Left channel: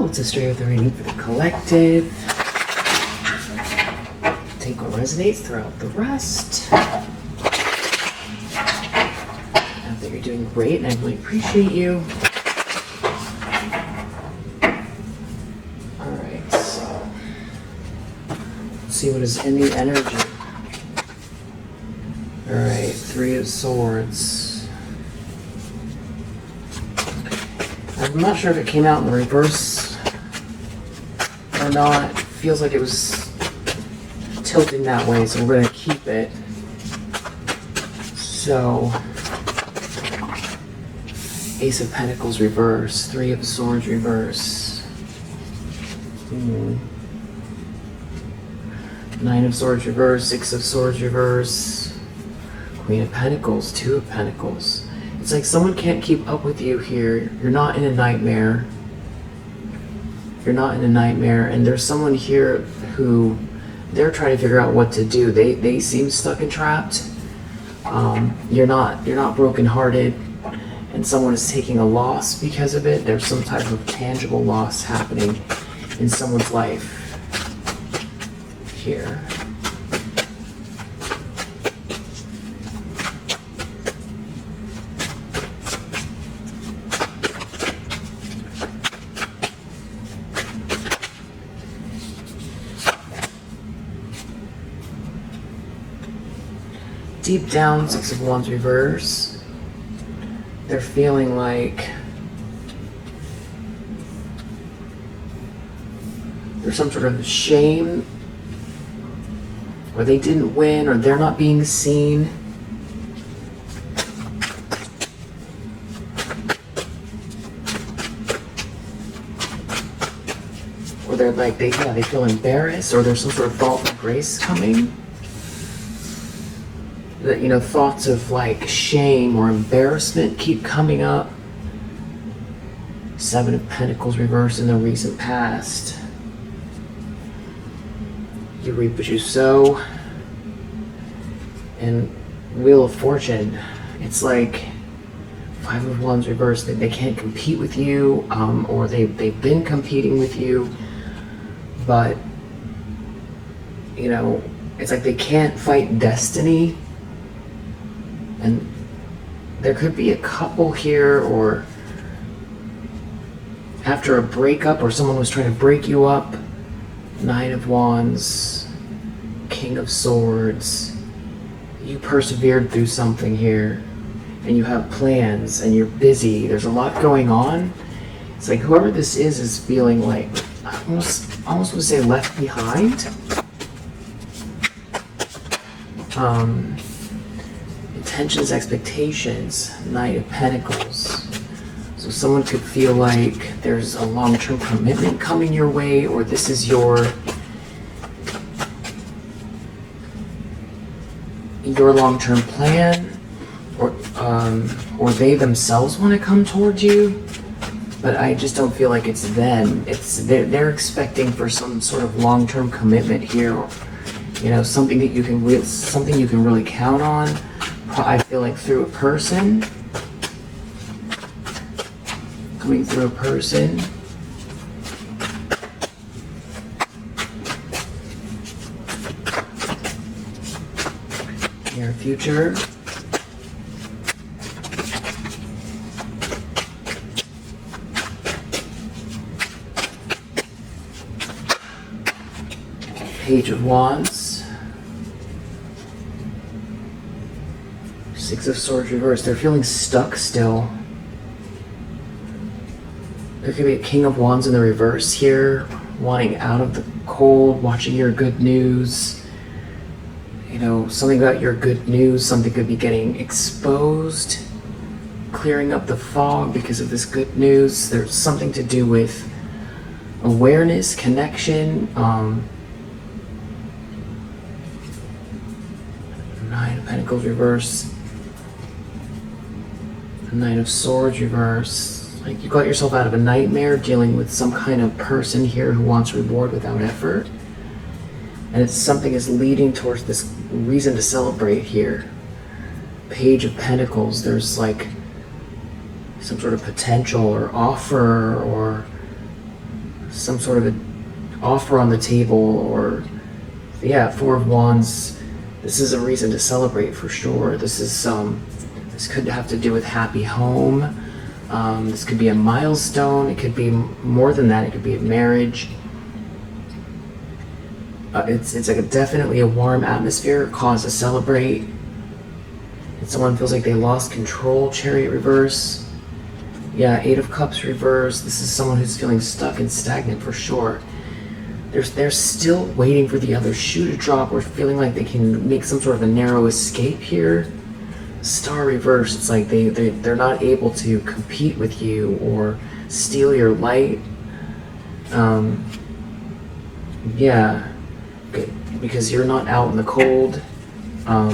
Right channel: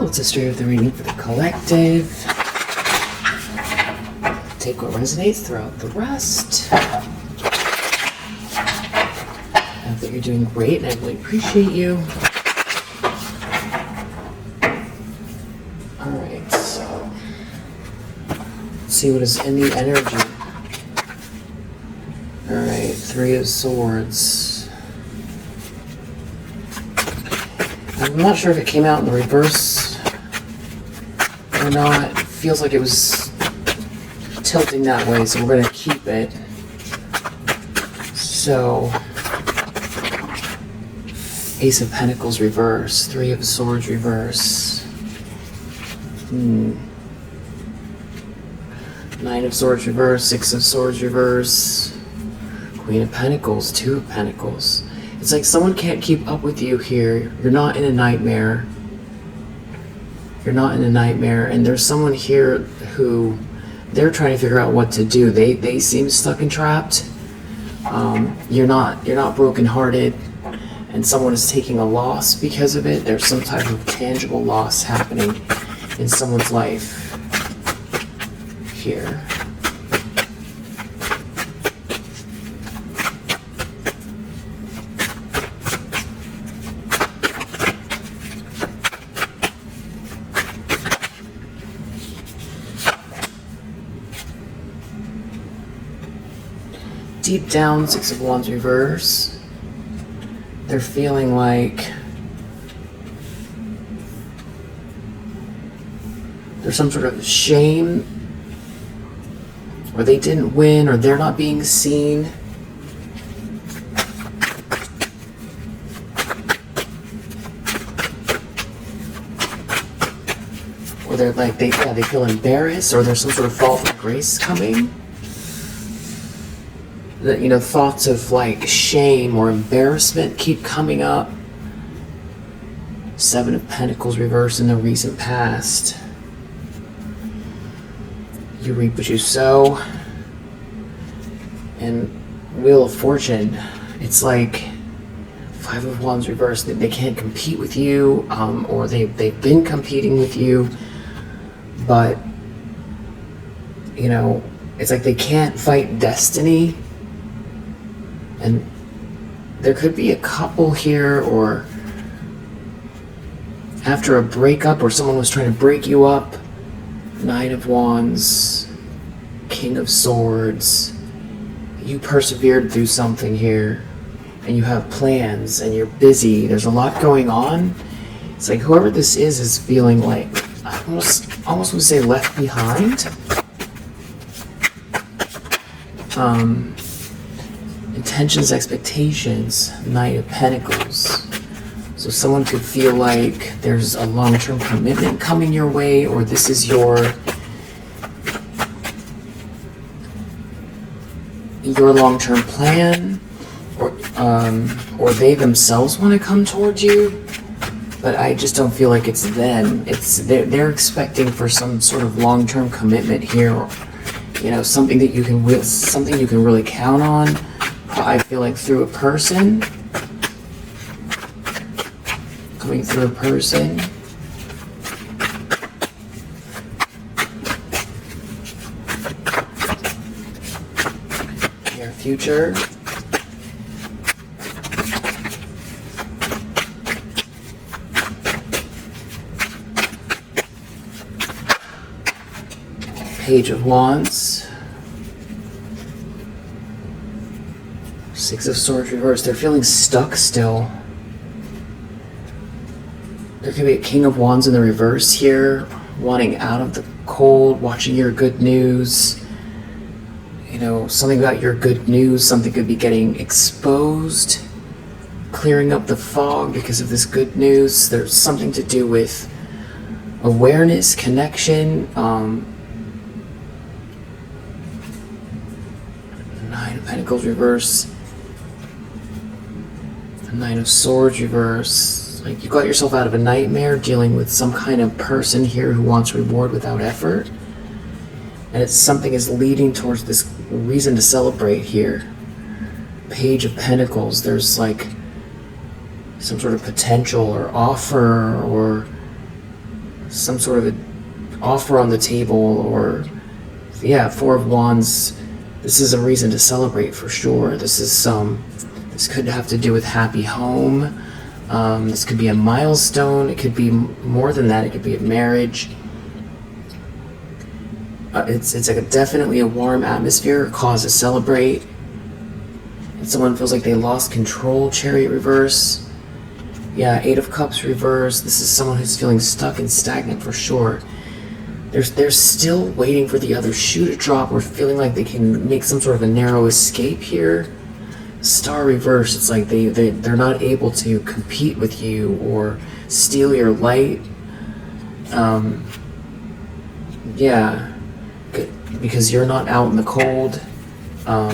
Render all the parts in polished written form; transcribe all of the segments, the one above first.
well. It's a straight of the reading for the collective. Take what resonates, throw out the rest. I think you're doing great, and I really appreciate you. Alright, so let's see what is in the energy. Alright, Three of Swords. I'm not sure if it came out in the reverse or not. It feels like it was tilting that way, so we're going to keep it. So, Ace of Pentacles reverse, Three of Swords reverse. Nine of Swords reverse, Six of Swords reverse. Queen of Pentacles, Two of Pentacles. It's like someone can't keep up with you here. You're not in a nightmare. You're not in a nightmare, and there's someone here who they're trying to figure out what to do. They seem stuck and trapped. You're not brokenhearted, and someone is taking a loss because of it. There's some type of tangible loss happening in someone's life here. Deep down, Six of Wands reverse. They're feeling like there's some sort of shame, or they didn't win, or they're not being seen. Or they're like, they feel embarrassed, or there's some sort of fall from grace coming. That, you know, thoughts of like shame or embarrassment keep coming up. Seven of Pentacles reverse in the recent past. You reap what you sow. And Wheel of Fortune, it's like Five of Wands reverse. They can't compete with you, or they've been competing with you, but you know, it's like they can't fight destiny. And there could be a couple here, or after a breakup, or someone was trying to break you up. Nine of Wands, King of Swords. You persevered through something here, and you have plans, and you're busy. There's a lot going on. It's like whoever this is feeling like, I almost would say left behind. Intentions, expectations, Knight of Pentacles. So someone could feel like there's a long-term commitment coming your way, or this is your long-term plan, or they themselves want to come towards you. But I just don't feel like it's them. They're expecting for some sort of long-term commitment here, or, you know, something that you can really count on. I feel like through a person, coming through a person. Near future. Page of Wands. Six of Swords reversed. They're feeling stuck still. There could be a King of Wands in the reverse here, wanting out of the cold, watching your good news. You know, something about your good news, something could be getting exposed, clearing up the fog because of this good news. There's something to do with awareness, connection. Nine of Pentacles reverse. Knight of Swords reverse. Like you got yourself out of a nightmare dealing with some kind of person here who wants reward without effort. And it's something is leading towards this reason to celebrate here. Page of Pentacles, there's like some sort of potential or offer or some sort of an offer on the table, or yeah, Four of Wands. This is a reason to celebrate for sure. This could have to do with happy home. This could be a milestone. It could be more than that. It could be a marriage. It's like definitely a warm atmosphere, cause to celebrate. And someone feels like they lost control. Chariot reverse. Yeah, Eight of Cups reverse. This is someone who's feeling stuck and stagnant for sure. They're still waiting for the other shoe to drop, or feeling like they can make some sort of a narrow escape here. Star reverse. It's like they're not able to compete with you or steal your light. Yeah, because you're not out in the cold. Or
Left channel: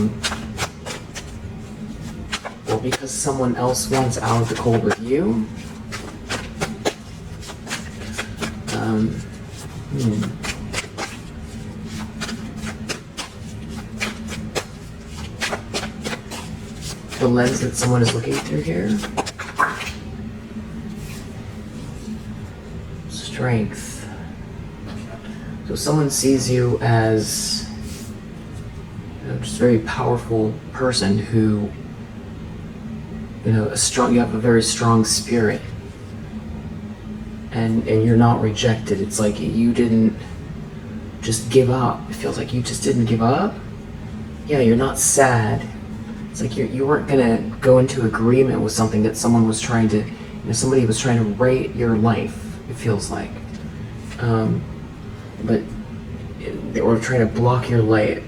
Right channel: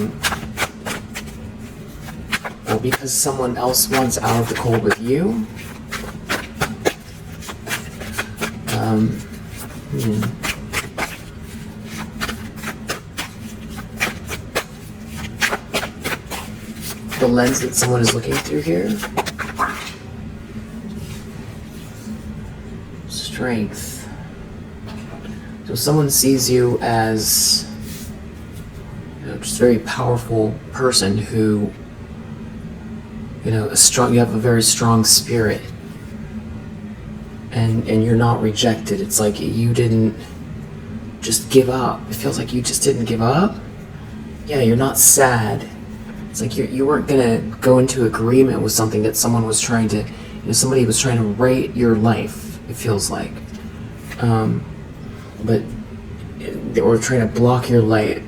because someone else wants out of the cold with you. The lens that someone is looking through here. Strength. So someone sees you as just a very powerful person who, you have a very strong spirit. And you're not rejected. It's like you didn't just give up. It feels like you just didn't give up. Yeah, you're not sad. It's like you weren't gonna go into agreement with something that someone was trying to, somebody was trying to rate your life, it feels like. But they were trying to block your light,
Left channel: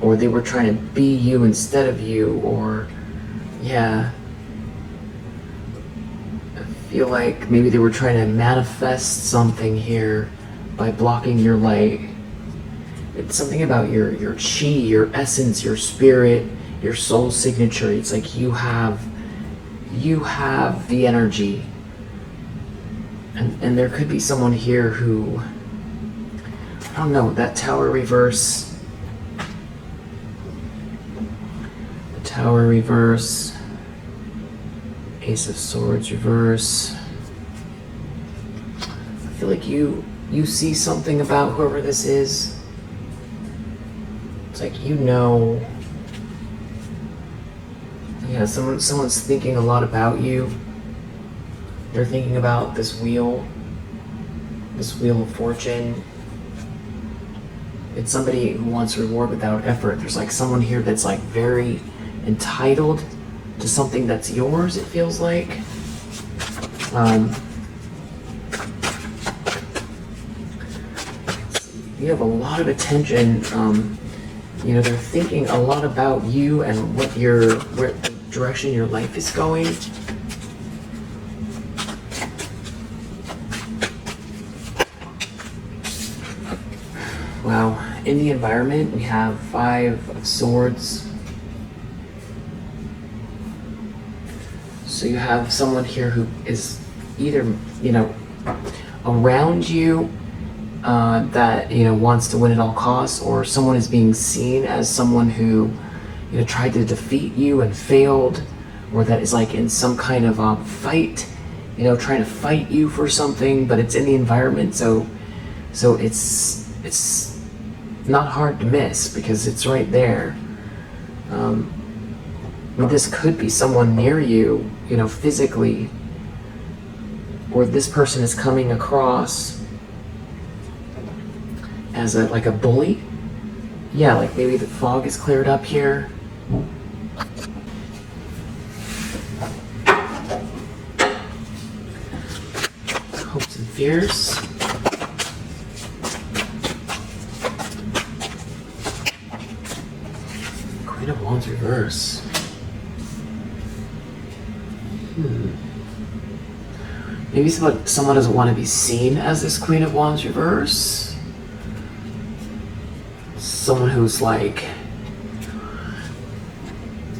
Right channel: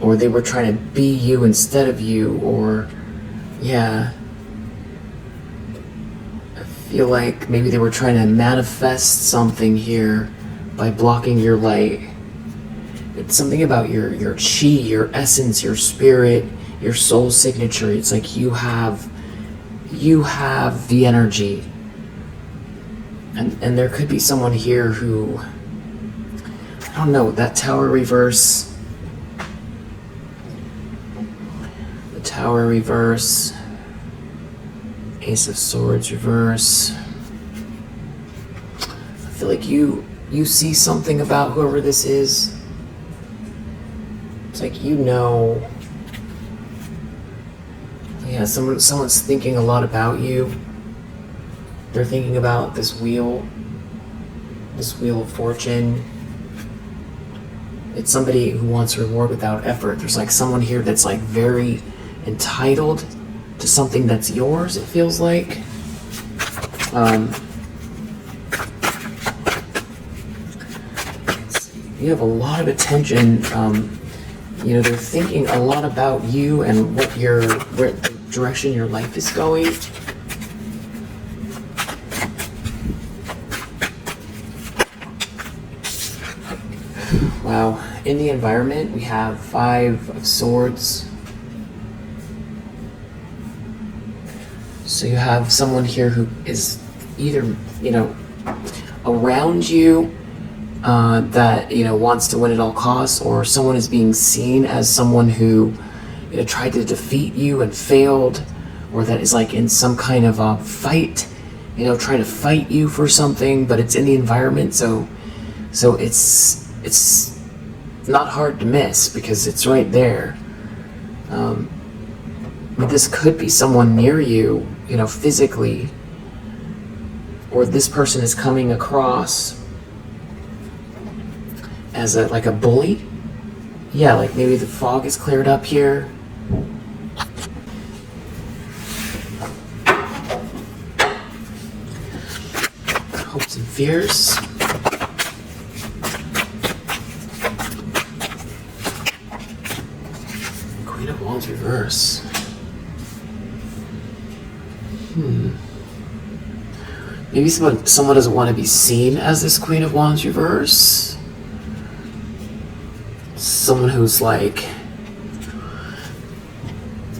or they were trying to be you instead of you, or, yeah. I feel like maybe they were trying to manifest something here by blocking your light. It's something about your chi, your essence, your spirit, your soul signature. It's like you have the energy. And there could be someone here who, I don't know, that Tower reverse. The Tower reverse. Ace of Swords reverse. I feel like you see something about whoever this is. It's like yeah, someone's thinking a lot about you. They're thinking about this wheel of fortune. It's somebody who wants reward without effort. There's like someone here that's like very entitled to something that's yours, it feels like. You have a lot of attention. They're thinking a lot about you and what the direction your life is going. Wow. In the environment, we have Five of Swords. So you have someone here who is either, around you, that, wants to win at all costs, or someone is being seen as someone who, tried to defeat you and failed, or that is like in some kind of a fight, try to fight you for something, but it's in the environment, so it's not hard to miss because it's right there. But this could be someone near you, physically, or this person is coming across as like a bully. Yeah, like maybe the fog is cleared up here. Hopes and fears. Queen of Wands reverse. Maybe someone doesn't want to be seen as this Queen of Wands reverse. Someone who's like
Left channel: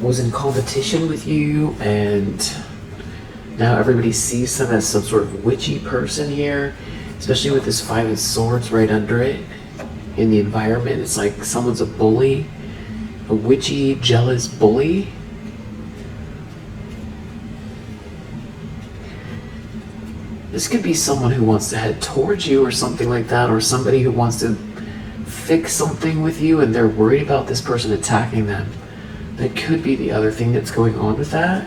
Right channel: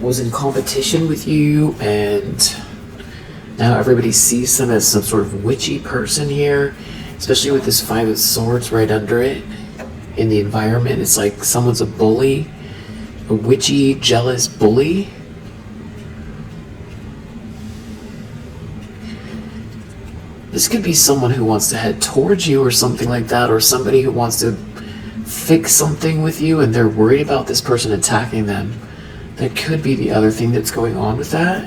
was in competition with you, and now everybody sees them as some sort of witchy person here, especially with this Five of Swords right under it in the environment. It's like someone's a bully, a witchy, jealous bully. This could be someone who wants to head towards you or something like that, or somebody who wants to fix something with you and they're worried about this person attacking them. That could be the other thing that's going on with that.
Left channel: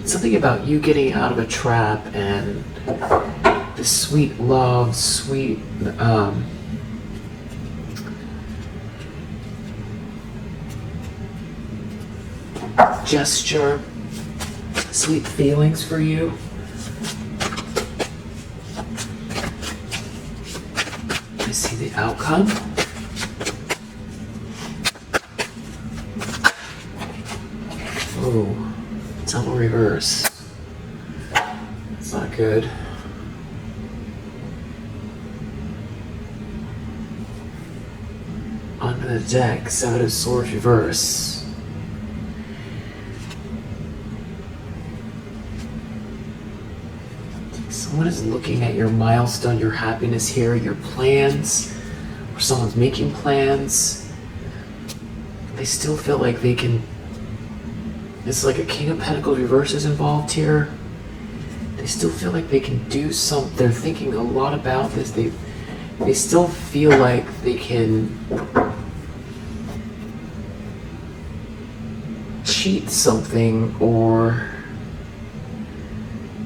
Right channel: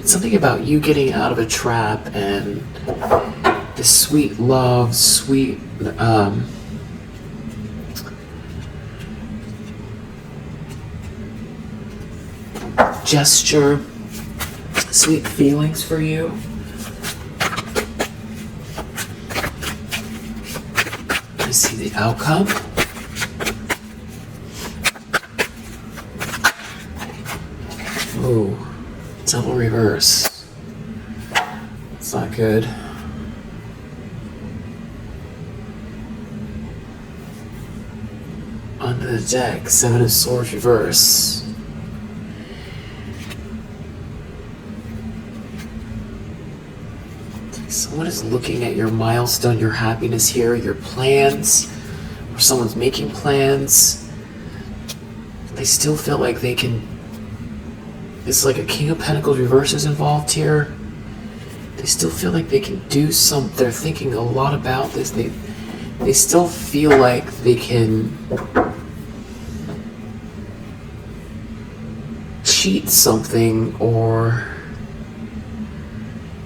It's something about you getting out of a trap and this sweet love, sweet gesture, sweet feelings for you. I see the outcome. Ooh, double reverse. It's not good. Onto the deck, Seven of Swords reverse. Someone is looking at your milestone, your happiness here, your plans, or someone's making plans. They still feel like they can. It's like a King of Pentacles reverse is involved here. They still feel like they can do something. They're thinking a lot about this. They still feel like they can cheat something or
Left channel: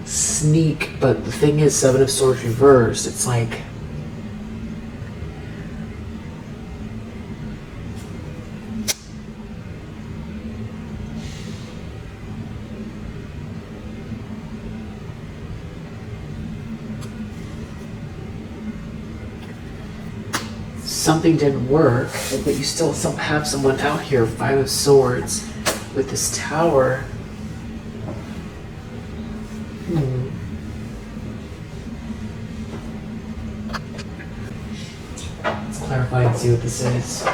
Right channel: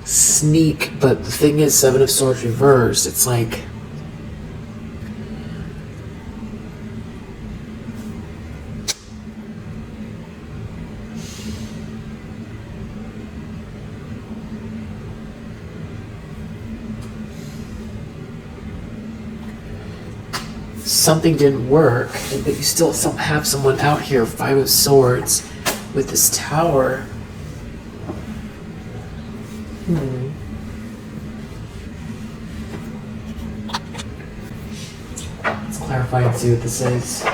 sneak, but the thing is, Seven of Swords reversed. It's like something didn't work, but you still have someone out here, Five of Swords, with this Tower. Let's clarify and see what this is.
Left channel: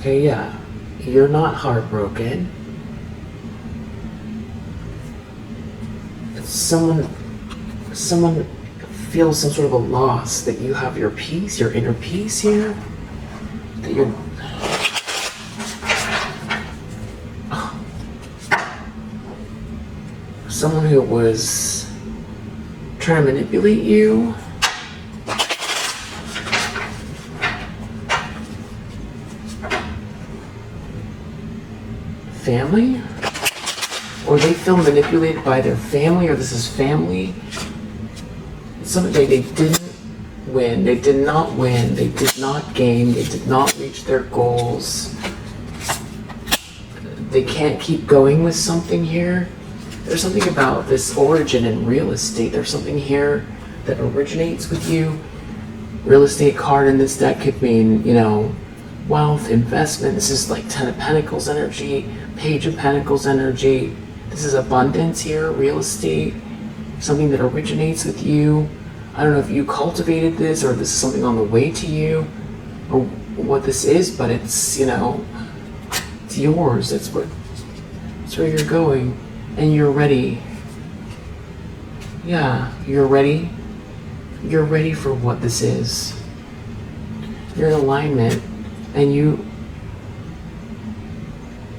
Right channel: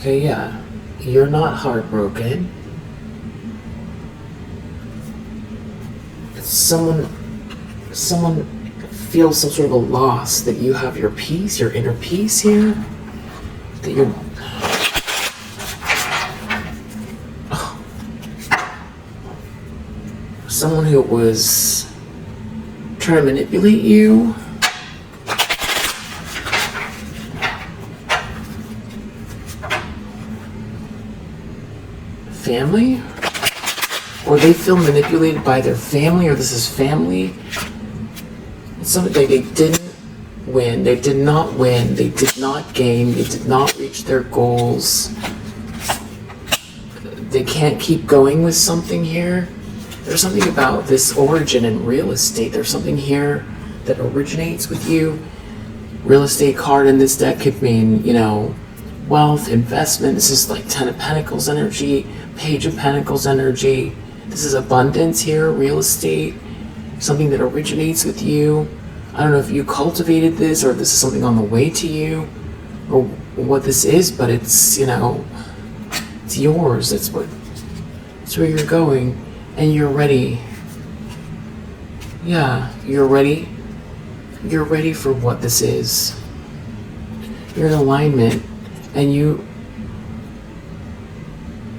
Okay, yeah. You're not heartbroken. It's someone feels some sort of a loss, that you have your peace, your inner peace here. That you're someone who was trying to manipulate you. Family? Or they feel manipulated by their family, or this is family. It's something like they didn't win, they did not win, they did not gain, they did not reach their goals. They can't keep going with something here. There's something about this origin in real estate. There's something here that originates with you. Real estate card in this deck could mean, wealth, investment. This is like Ten of Pentacles energy, Page of Pentacles energy. This is abundance here, real estate. Something that originates with you. I don't know if you cultivated this or this is something on the way to you or what this is, but it's, it's yours. It's where you're going. And you're ready. Yeah, you're ready. You're ready for what this is. You're in alignment, and you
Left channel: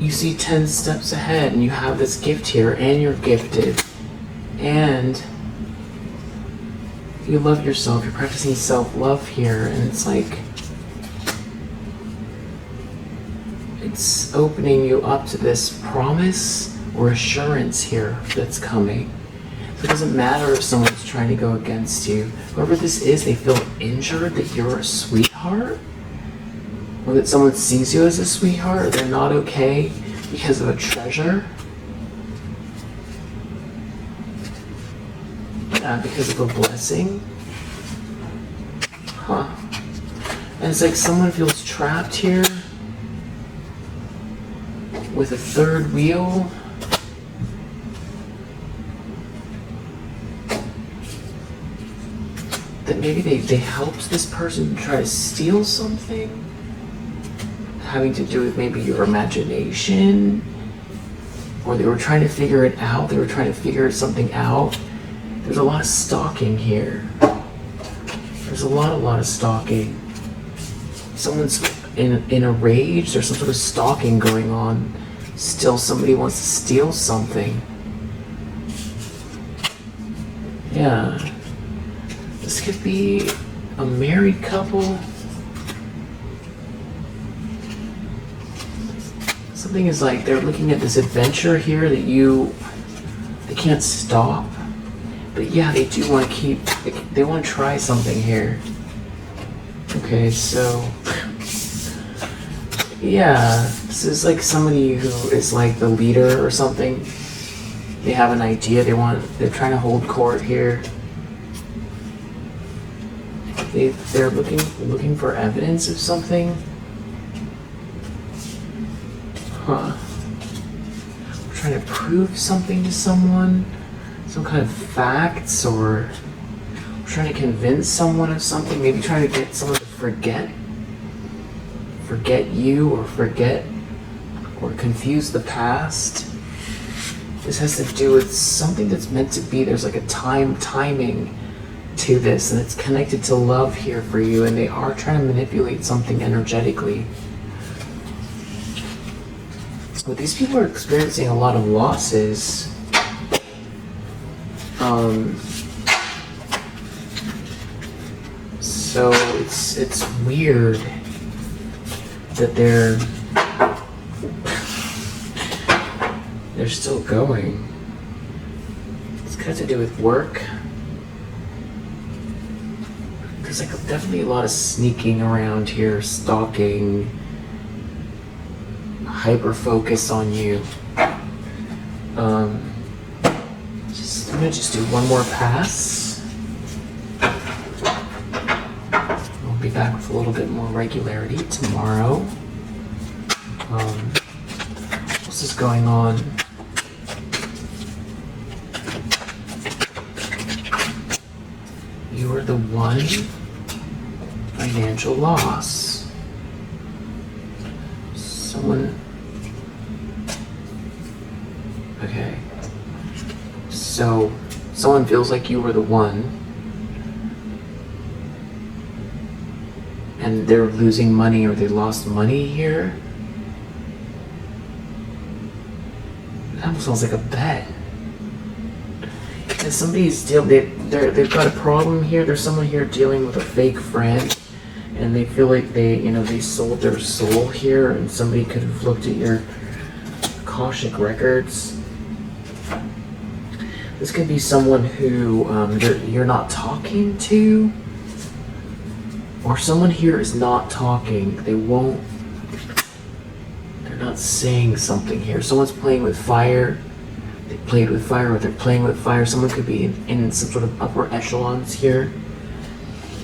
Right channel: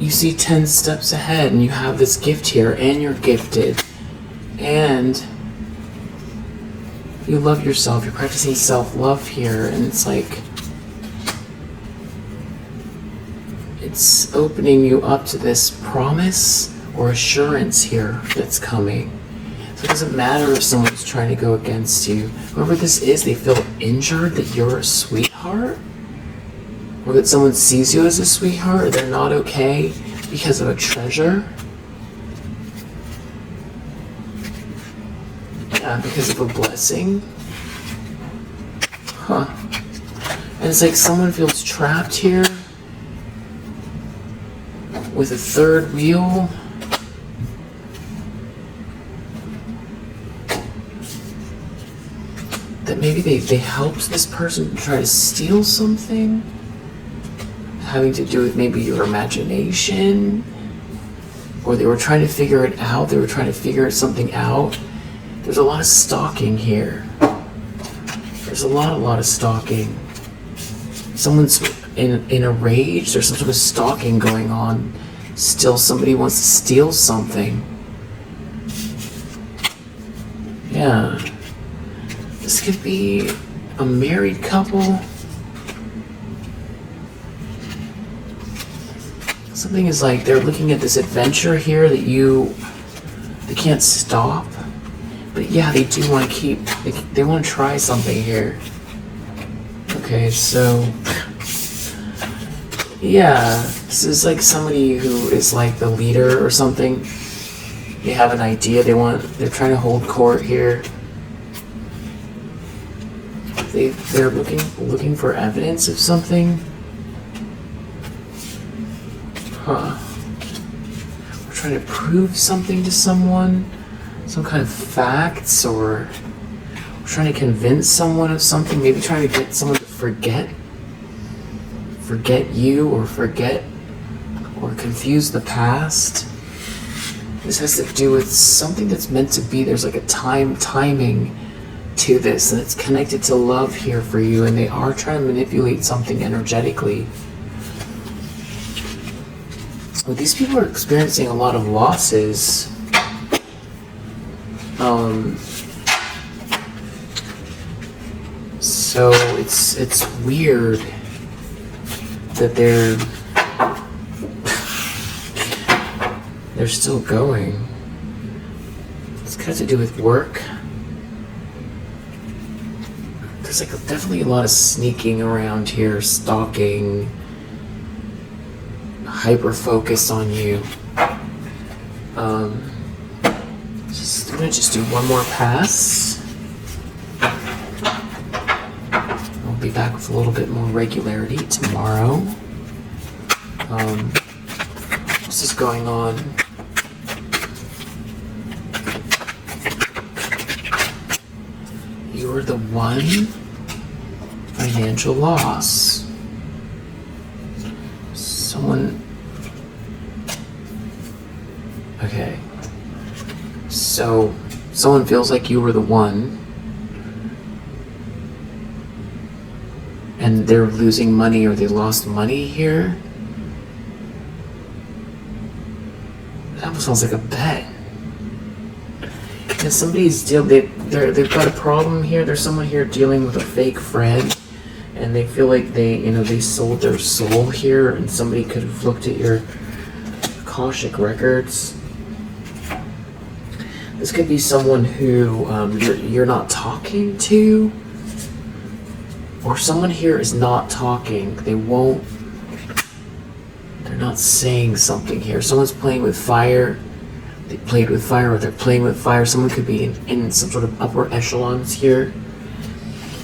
see 10 steps ahead, and you have this gift here, and you're gifted, and you love yourself. You're practicing self-love here, and it's like it's opening you up to this promise or assurance here that's coming. So it doesn't matter if someone's trying to go against you. Whoever this is, they feel injured that you're a sweetheart, or that someone sees you as a sweetheart, or they're not okay because of a treasure. Because of a blessing. Huh. And it's like someone feels trapped here with a third wheel. That maybe they helped this person try to steal something, having to do with maybe your imagination, or they were trying to figure it out, they were trying to figure something out. There's a lot of stalking here. There's a lot of stalking. Someone's in a rage. There's some sort of stalking going on. Still somebody wants to steal something. Yeah. This could be a married couple. Something is like they're looking at this adventure here that they can't stop. But yeah, they do want to they want to try something here. Okay, so yeah, this is like somebody who is like the leader or something. They have an idea, they're trying to hold court here. They're looking for evidence of something. Huh. We're trying to prove something to someone, some kind of facts, or we're trying to convince someone of something, maybe trying to get someone to forget you, or confuse the past. This has to do with something that's meant to be. There's like a timing to this, and it's connected to love here for you, and they are trying to manipulate something energetically. Well, these people are experiencing a lot of losses. So it's weird that they're still going. It's got to do with work. There's like definitely a lot of sneaking around here, stalking, hyper focused on you. I'm gonna just do one more pass. I'll be back with a little bit more regularity tomorrow. What's is going on? You are the one. Financial loss. Okay. So, someone feels like you were the one, and they're losing money, or they lost money here. That almost sounds like a bet. And they've got a problem here. There's someone here dealing with a fake friend, and they feel like they sold their soul here, and somebody could have looked at your Akashic records. This could be someone who you're not talking to, or someone here is not talking. They're not saying something here. Someone's playing with fire. They played with fire, or they're playing with fire. Someone could be in some sort of upper echelons here.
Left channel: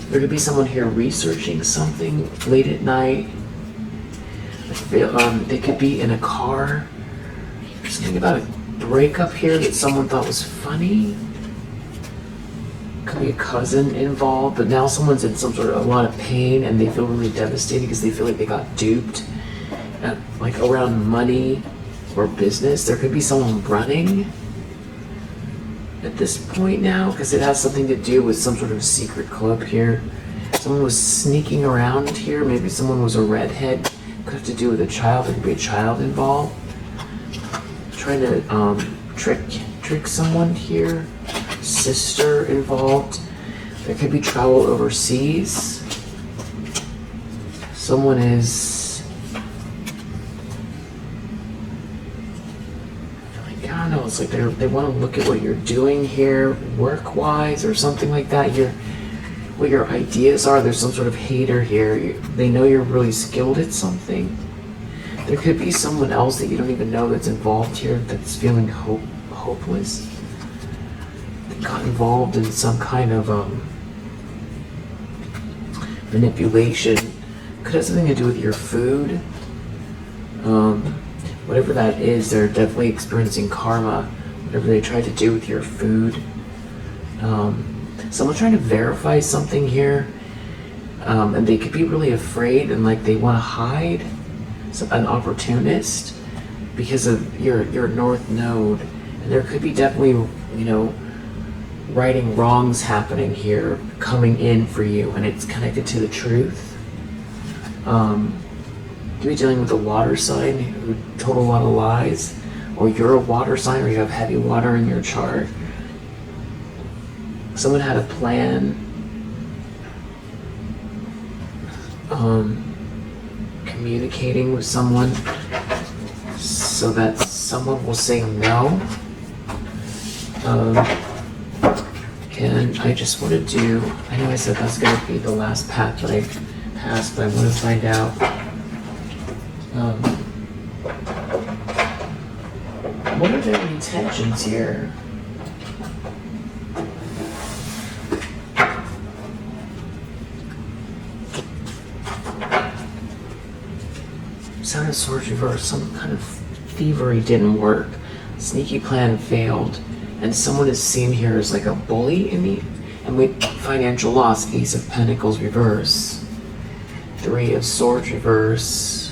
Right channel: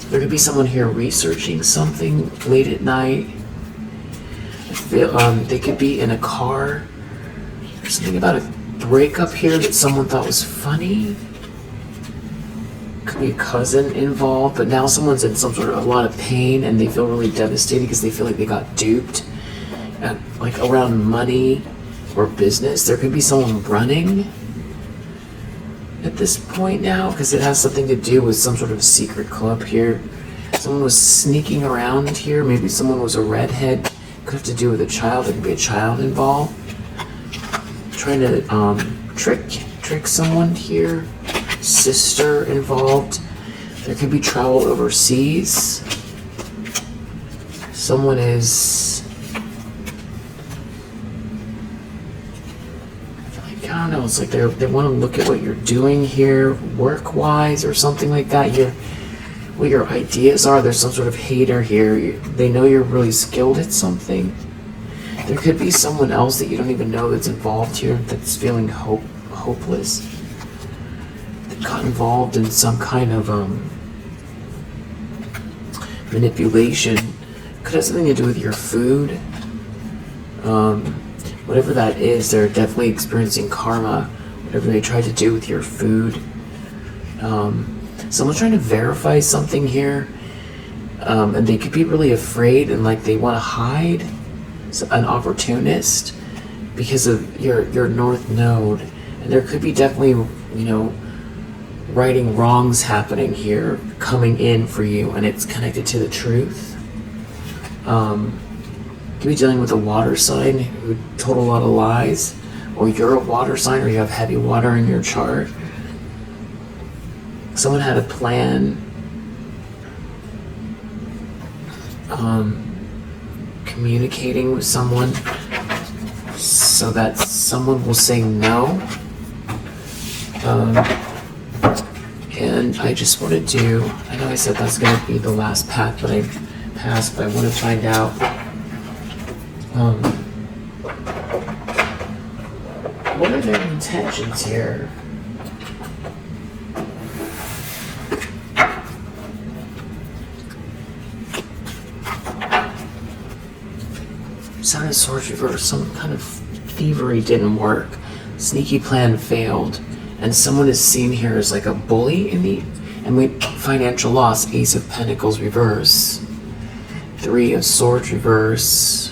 There could be someone here researching something late at night. They could be in a car. There's something about a breakup here that someone thought was funny. Could be a cousin involved, but now someone's in a lot of pain, and they feel really devastated because they feel like they got duped, like around money or business. There could be someone running at this point now, because it has something to do with some sort of secret club here. Someone was sneaking around here. Maybe someone was a redhead. Could have to do with a child. There could be a child involved. Trying to trick someone here. Sister involved. There could be travel overseas. Someone is, I don't know, it's like they want to look at what you're doing here work-wise or something like that. What your ideas are. There's some sort of hater here. They know you're really skilled at something. There could be someone else that you don't even know that's involved here, that's feeling hopeless. That got involved in some kind of manipulation. Could have something to do with your food. Whatever that is, they're definitely experiencing karma. Whatever they tried to do with your food. Someone's trying to verify something here. And they could be really afraid, and like they want to hide. An opportunist because of your north node, and there could be definitely righting wrongs happening here, coming in for you, and it's connected to the truth. could be dealing with a water sign who told a lot of lies, or you're a water sign, or you have heavy water in your chart. Someone had a plan, communicating with someone so that someone will say no. And I just want to do, I know I said that's going to be the last path that I pass, but I want to find out what are their intentions here? Seven of Swords reversed. Some kind of thievery didn't work. Sneaky plan failed. And someone is seen here as like a bully and with financial loss. Ace of Pentacles reverse. Three of Swords reverse.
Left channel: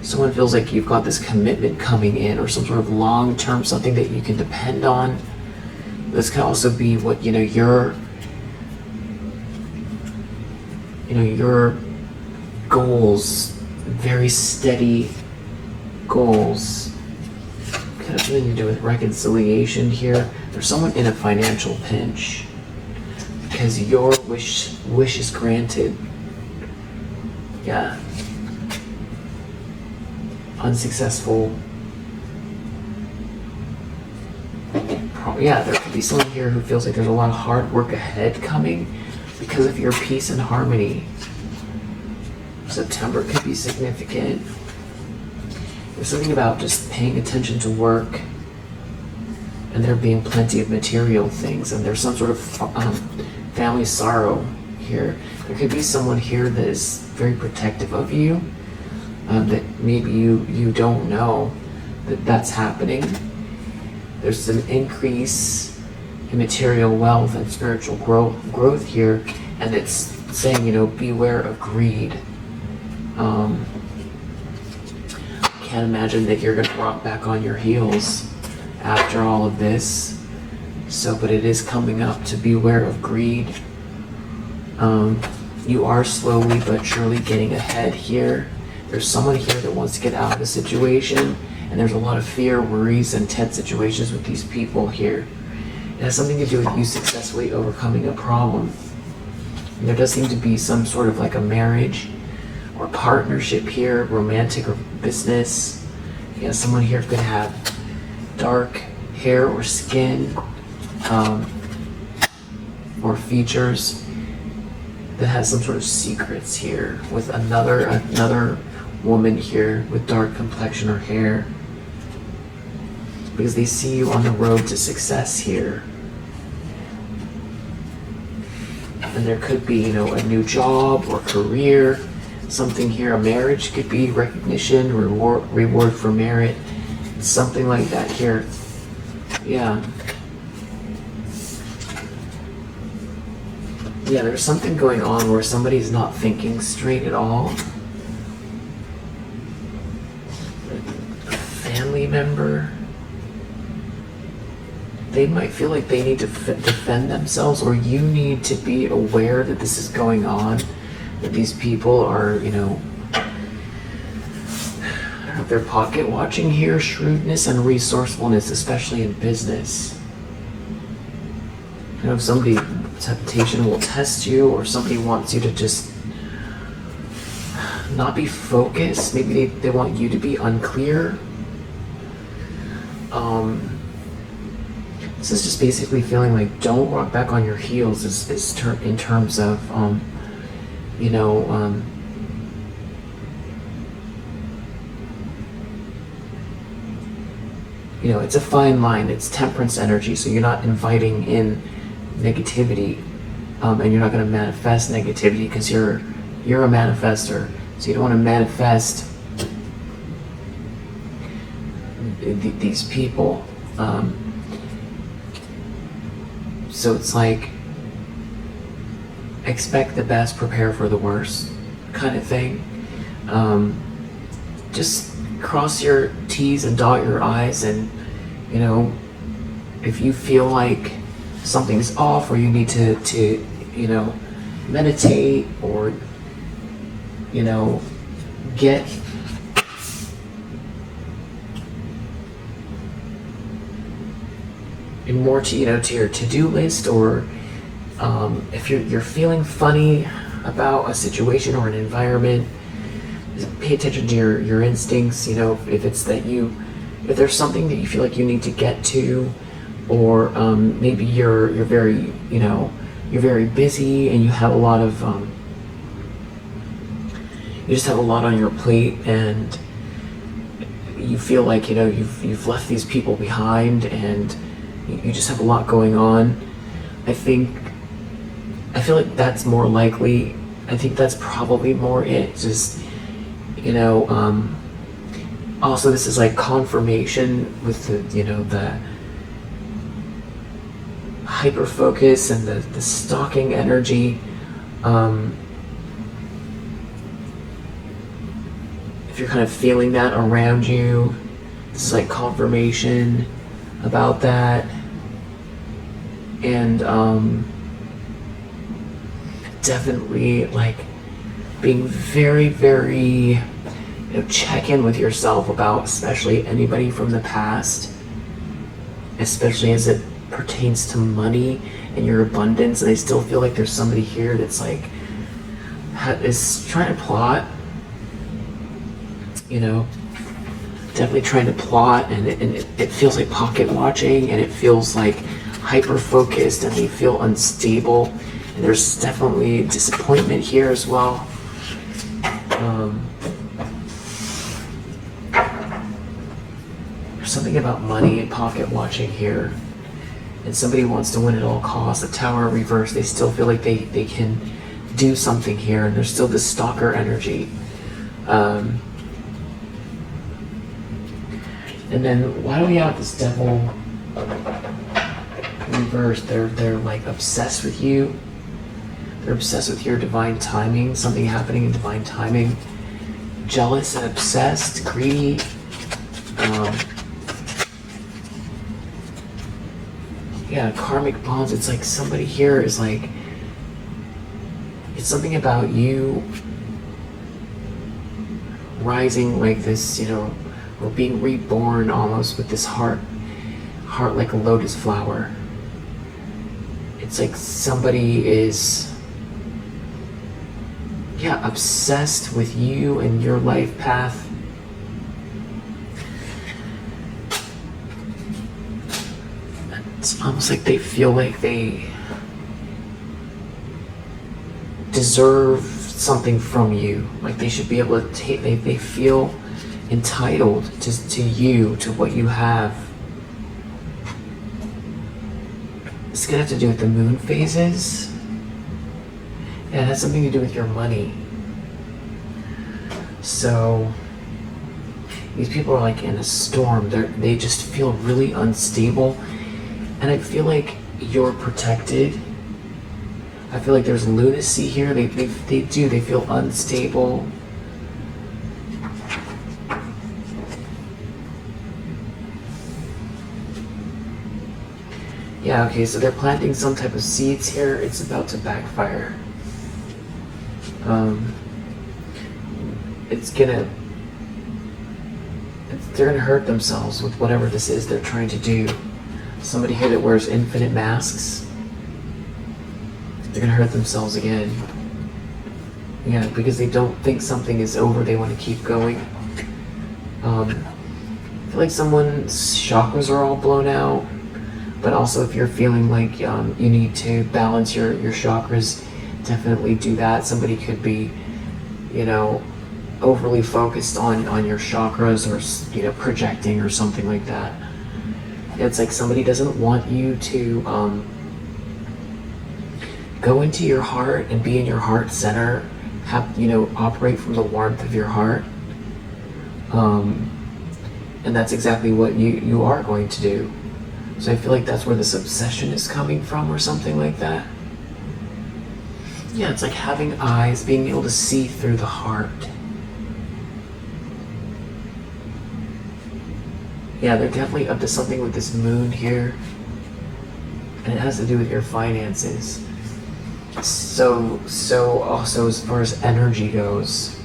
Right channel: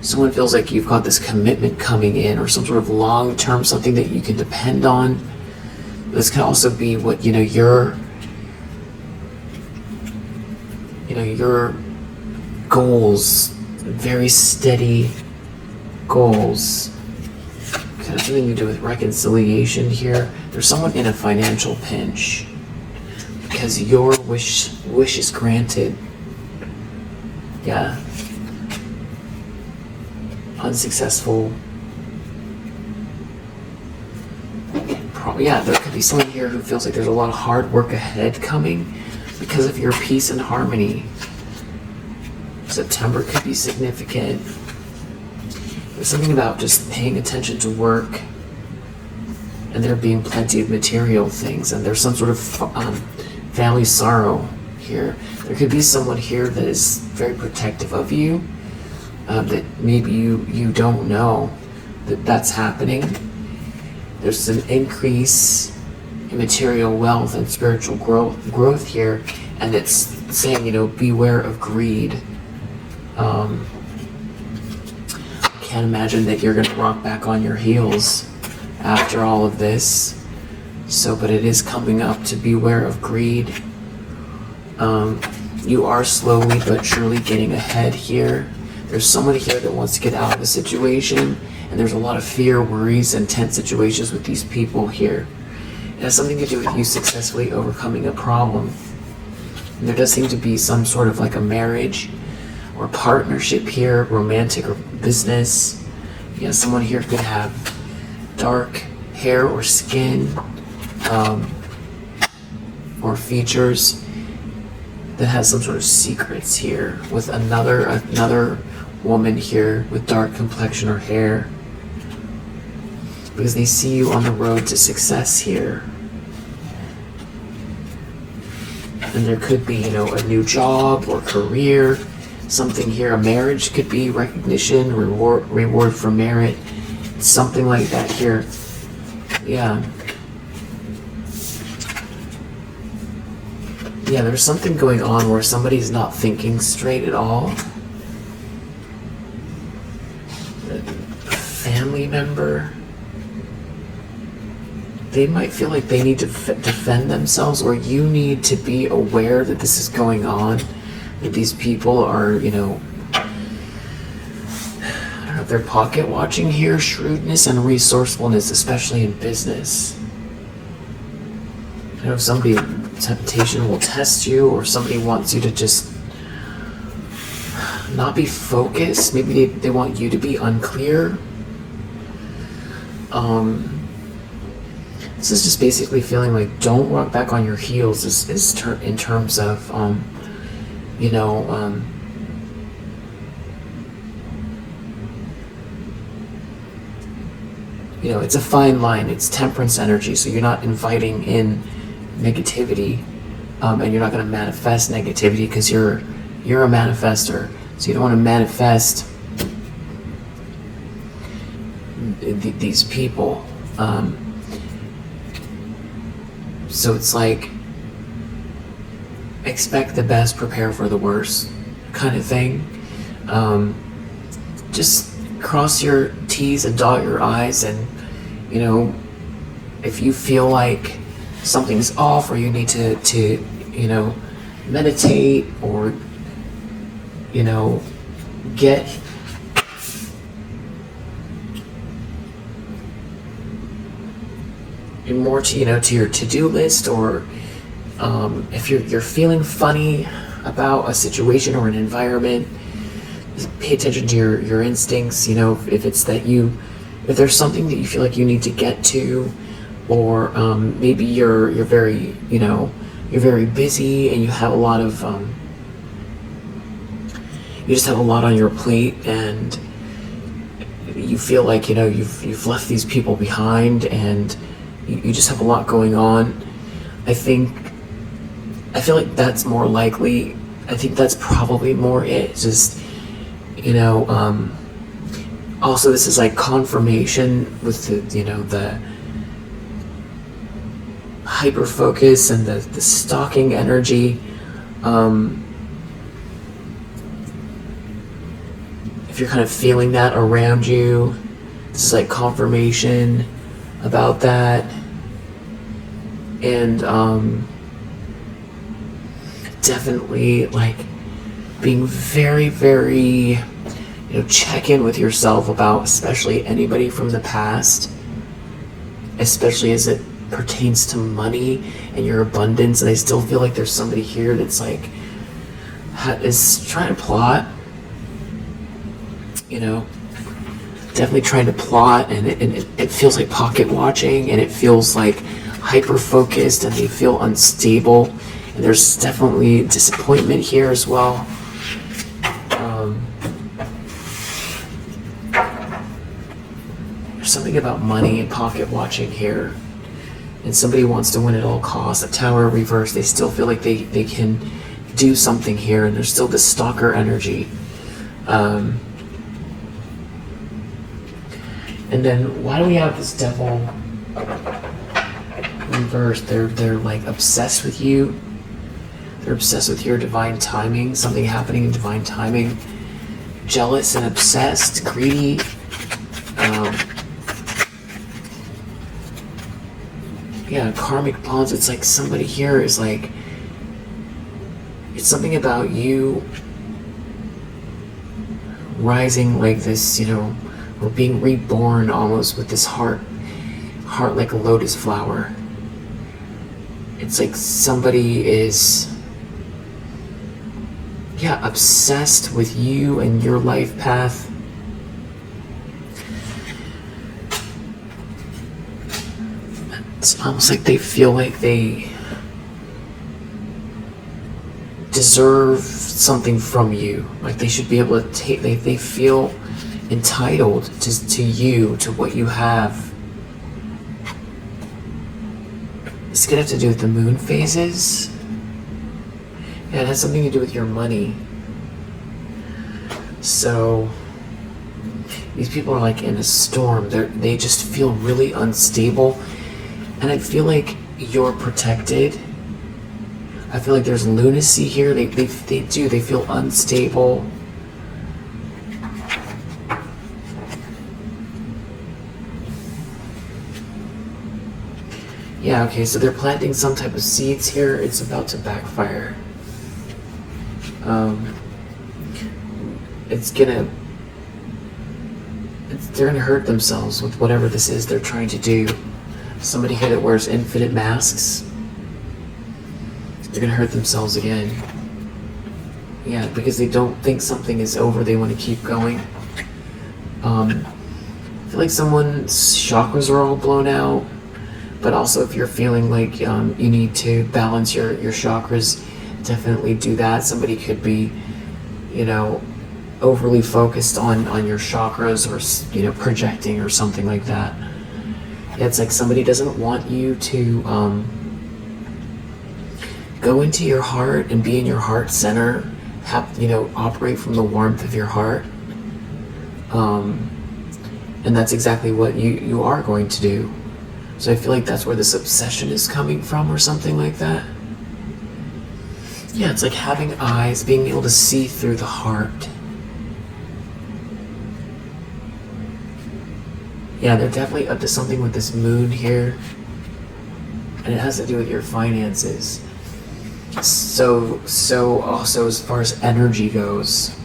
Someone feels like you've got this commitment coming in, or some sort of long-term something that you can depend on. This can also be what, your goals, very steady goals. Kind of something to do with reconciliation here. There's someone in a financial pinch because your wish is granted. Yeah. Unsuccessful. Yeah, there could be someone here who feels like there's a lot of hard work ahead coming because of your peace and harmony. September could be significant. There's something about just paying attention to work and there being plenty of material things, and there's some sort of family sorrow here. There could be someone here that is very protective of you, that maybe you don't know that's happening. There's some increase in material wealth and spiritual growth here, and it's saying, beware of greed. Can't imagine that you're going to rock back on your heels after all of this. But it is coming up to beware of greed. You are slowly but surely getting ahead here. There's someone here that wants to get out of the situation, and there's a lot of fear, worries, and tense situations with these people here. It has something to do with you successfully overcoming a problem. And there does seem to be some sort of like a marriage or partnership here, romantic or business. Someone here could have dark hair or skin, or features that has some sort of secrets here with another woman here with dark complexion or hair, because they see you on the road to success here. And there could be, a new job or career. Something here, a marriage could be recognition, reward for merit, something like that here. Yeah, there's something going on where somebody's not thinking straight at all. A family member, they might feel like they need to defend themselves, or you need to be aware that this is going on. That these people are, I don't know if they're pocket watching here, shrewdness and resourcefulness, especially in business. I know if temptation will test you, or somebody wants you to just not be focused. Maybe they want you to be unclear. This is just basically feeling like don't rock back on your heels in terms of, it's a fine line. It's temperance energy, so you're not inviting in negativity, and you're not going to manifest negativity because you're a manifester. So you don't want to manifest these people. So it's like expect the best, prepare for the worst kind of thing. Just cross your T's and dot your I's, and if you feel like something's off, or you need to meditate, or get more to, to your to-do list, or if you're feeling funny about a situation or an environment, pay attention to your instincts. If it's that if there's something that you feel like you need to get to, or maybe you're very you're very busy and you have a lot of you just have a lot on your plate, and you feel like you've left these people behind, and you just have a lot going on. I feel like that's more likely. I think that's probably more it. Just also, this is like confirmation with the hyper focus and the stalking energy. If you're kind of feeling that around you, this is like confirmation about that. And definitely like being very, very check in with yourself about especially anybody from the past, especially as it pertains to money and your abundance. And I still feel like there's somebody here that's like is trying to plot, definitely trying to plot, and it feels like pocket watching, and it feels like hyper focused, and they feel unstable, and there's definitely disappointment here as well. There's something about money and pocket watching here, and somebody wants to win at all costs. The Tower reverse, they still feel like they can do something here, and there's still this stalker energy. And then why do we have this Devil reverse? They're like obsessed with you. They're obsessed with your divine timing, something happening in divine timing. Jealous and obsessed, greedy. Karmic bonds. It's like somebody here is like, it's something about you rising like this, or being reborn almost with this heart like a lotus flower. It's like somebody is obsessed with you and your life path. It's almost like they feel like they deserve something from you. Like they should be able to take, they feel entitled to you, to what you have. It's gonna have to do with the moon phases. Yeah, it has something to do with your money. So these people are like in a storm. They just feel really unstable, and I feel like you're protected. I feel like there's lunacy here. They feel unstable. Yeah, okay, so they're planting some type of seeds here. It's about to backfire. They're gonna hurt themselves with whatever this is they're trying to do. Somebody here that wears infinite masks, they're gonna hurt themselves again. Yeah, because they don't think something is over, they want to keep going. I feel like someone's chakras are all blown out, but also if you're feeling like you need to balance your chakras, definitely do that. Somebody could be, overly focused on your chakras, or projecting or something like that. It's like somebody doesn't want you to go into your heart and be in your heart center, operate from the warmth of your heart. And that's exactly what you are going to do. So I feel like that's where this obsession is coming from, or something like that. Yeah, it's like having eyes, being able to see through the heart. Yeah, they're definitely up to something with this moon here. And it has to do with your finances. So also as far as energy goes,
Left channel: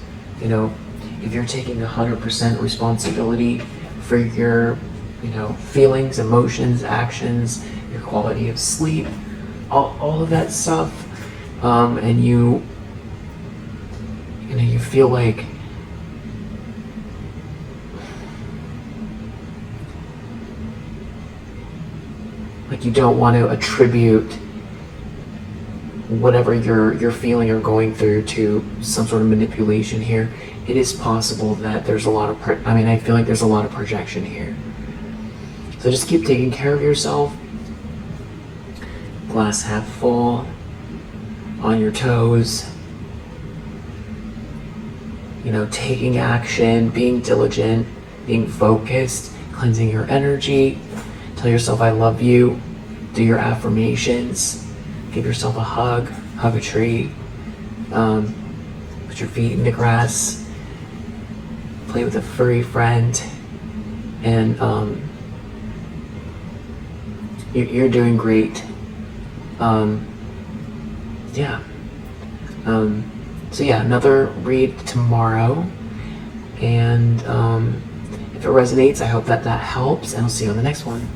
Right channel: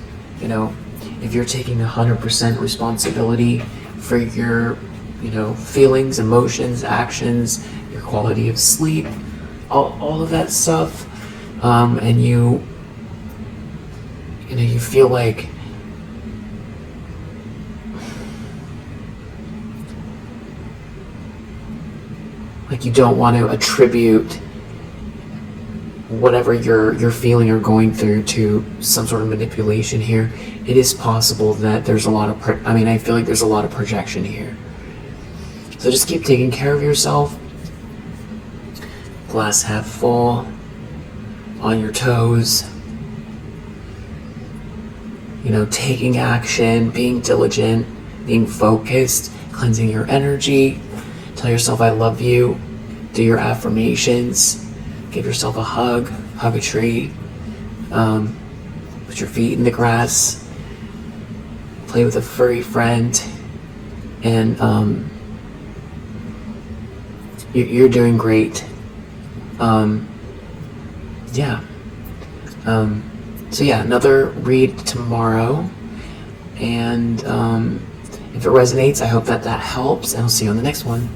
if you're taking 100% responsibility for your, feelings, emotions, actions, your quality of sleep, all of that stuff, and you feel like you don't want to attribute whatever you're feeling or going through to some sort of manipulation here. It is possible that there's a lot of I feel like there's a lot of projection here. So just keep taking care of yourself. Glass half full, on your toes, taking action, being diligent, being focused, cleansing your energy. Tell yourself I love you. Do your affirmations. Give yourself a hug a tree. Put your feet in the grass. Play with a furry friend. And you're doing great. So another read tomorrow. And if it resonates, I hope that helps. And I'll see you on the next one.